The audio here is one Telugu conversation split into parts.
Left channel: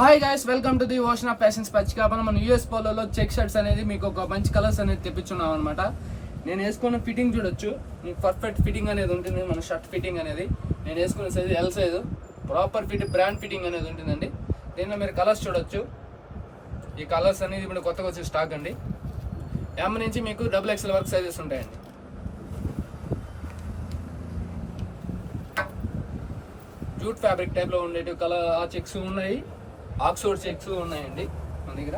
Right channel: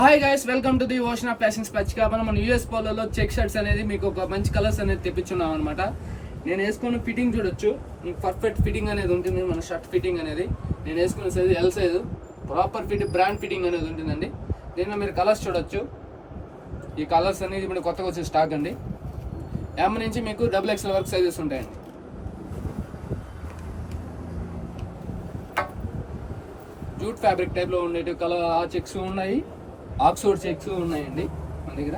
Hi guys, welcome to the ocean of fashions పచ్చికాపన. మన యూఎస్ పోలోలో చెక్ షర్ట్స్ అనేది మీకు ఒక మంచి కలర్స్ అనేది తెప్పించున్నాం అనమాట. నేను వేసుకున్న ఫిట్టింగ్ చూడొచ్చు, పర్ఫెక్ట్ ఫిట్టింగ్ అనేది ఉంటుంది. మన షర్ట్ ఫిట్టింగ్ అనేది నేను వేసుకున్న size L size, proper fit brand fitting అనేది ఉంటుందండి. దీనిలో మీరు కలర్స్ చూడొచ్చు. ఈ కలర్స్ అనేది ఇప్పుడు కొత్తగా వచ్చే స్టాక్ అండి. ఎమ్ నుంచి మీకు XXL వరకు సైజెస్ ఉంటాయండి. జూట్ ఫ్యాబ్రిక్ టైప్లో ఉండేవి కలర్ ఆ చెక్స్ ఉన్నాయి, ఆక్స్ఫోర్డ్ చెక్స్ ఉన్నాయండి మన దగ్గర.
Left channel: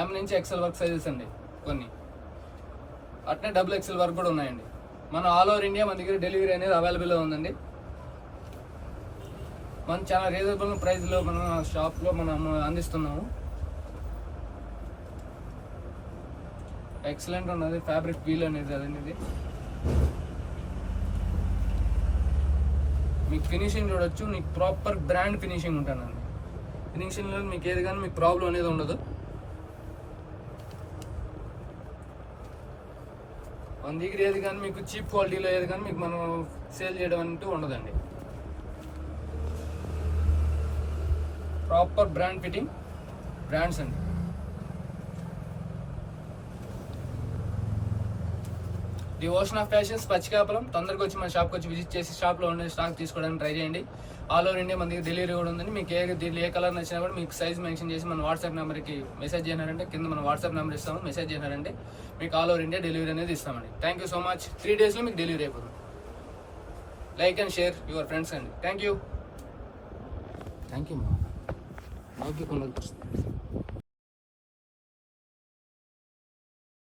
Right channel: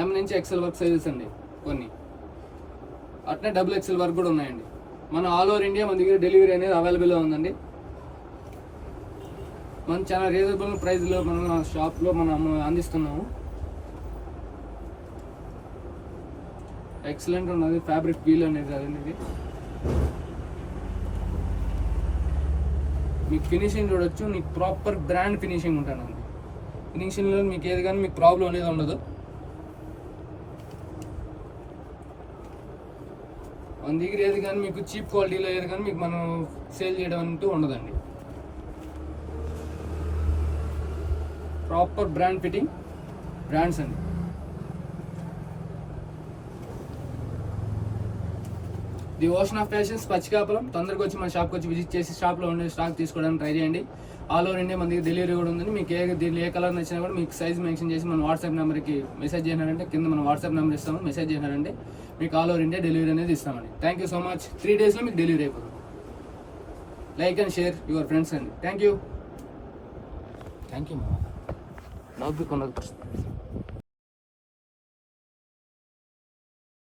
ఎమ్ నుంచి XL వరకు సైజెస్ అండి కొన్ని, అట్నే XXL వరకు కూడా ఉన్నాయండి. మనం ఆల్ ఓవర్ ఇండియా మన దగ్గర డెలివరీ అనేది అవైలబుల్గా ఉందండి. మనం చాలా రీజనబుల్ ప్రైస్లో మన షాప్లో మనం అందిస్తున్నాము. ఎక్సలెంట్ ఉన్నది ఫ్యాబ్రిక్ వీల్ అనేది అదనేది. మీకు ఫినిషింగ్ చూడొచ్చు, మీకు ప్రాపర్ బ్రాండ్ ఫినిషింగ్ ఉంటుందండి. ఫినిషింగ్లో మీకు ఏది కానీ మీకు ప్రాబ్లం అనేది ఉండదు. మన దగ్గర ఏది కానీ మీకు చీప్ క్వాలిటీలో ఏది కానీ మీకు మనం సేల్ చేయడం అంటూ ఉండదండి. ప్రాపర్ బ్రాండ్ ఫిట్టింగ్ బ్రాండ్స్ అండి. The ocean of fashions Pachikapuram. తొందరగా వచ్చి మన షాప్కి వచ్చి విజిట్ చేసి షాప్లో ఉండే స్టాక్ తీసుకోవడానికి ట్రై చేయండి. ఆల్ ఓవర్ ఇండియా మన దగ్గర డెలివరీ కూడా ఉందండి. మీకు దీనిలో ఏ కలర్ నచ్చినా కూడా మీకు సైజ్ మెన్షన్ చేసి మన వాట్సాప్ నెంబర్కి మెసేజ్ చేసినారంటే కింద మన వాట్సాప్ నెంబర్ ఇస్తాము. మెసేజ్ చేసినారంటే మీకు ఆల్ ఓవర్ ఇండియా డెలివరీ అనేది ఇస్తామండి. Thank you so much. 3 daysలో మీకు డెలివరీ అయిపోతుంది. Like and share your friends అండి. Thank you.